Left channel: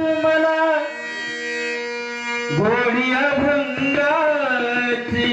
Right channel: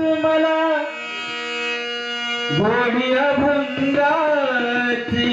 तुम्हाला Godia भंगाची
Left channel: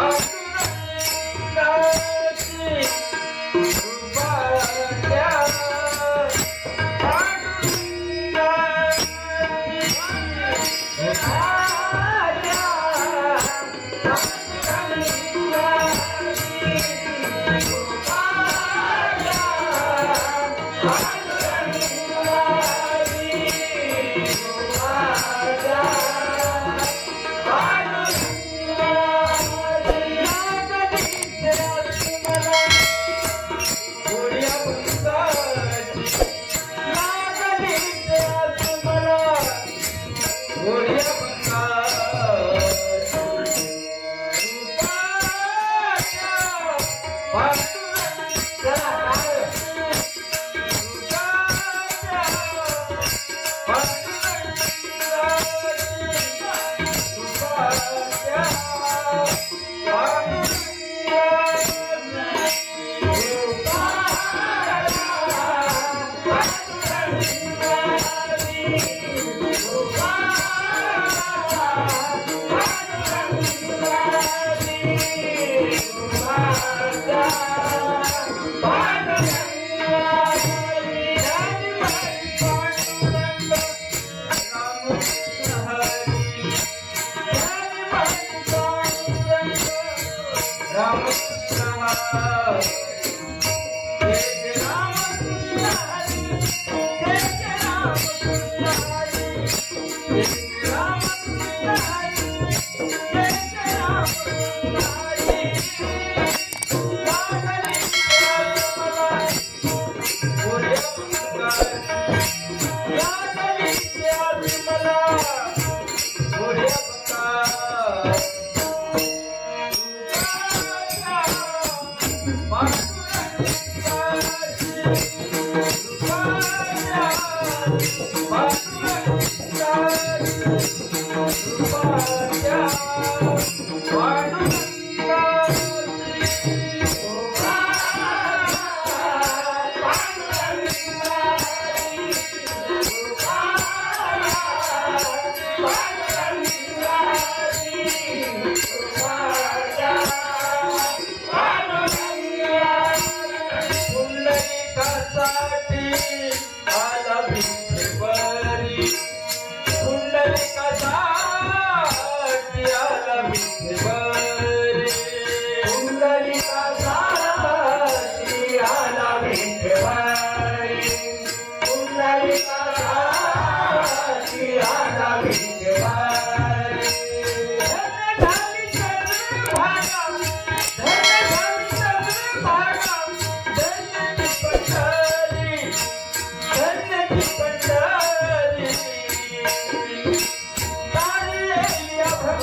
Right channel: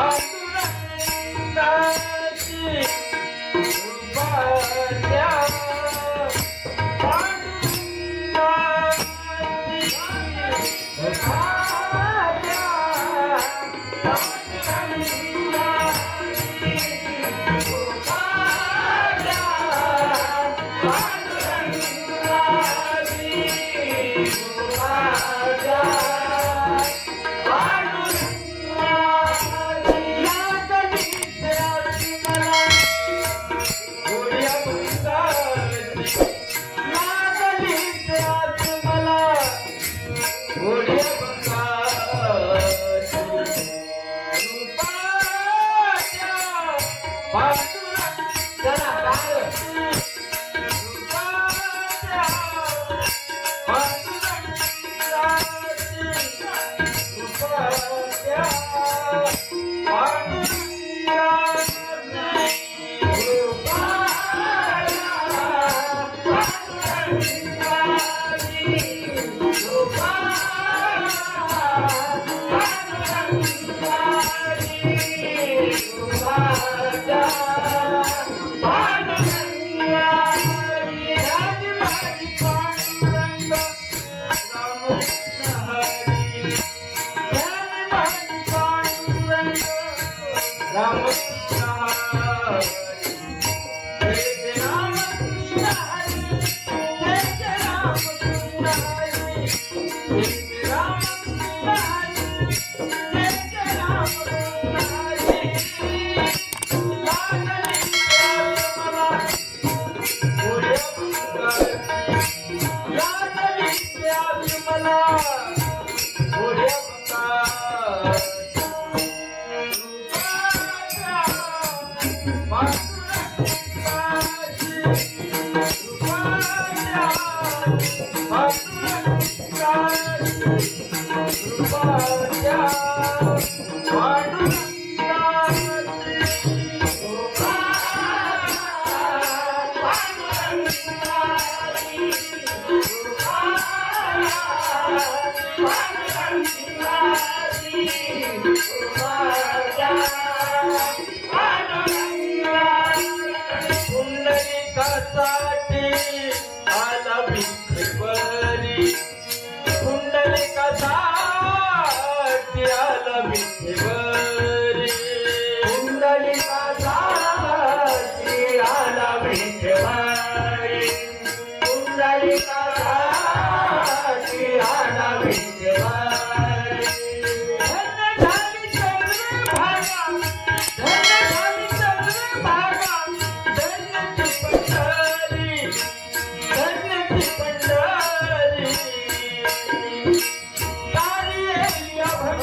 Bye. on.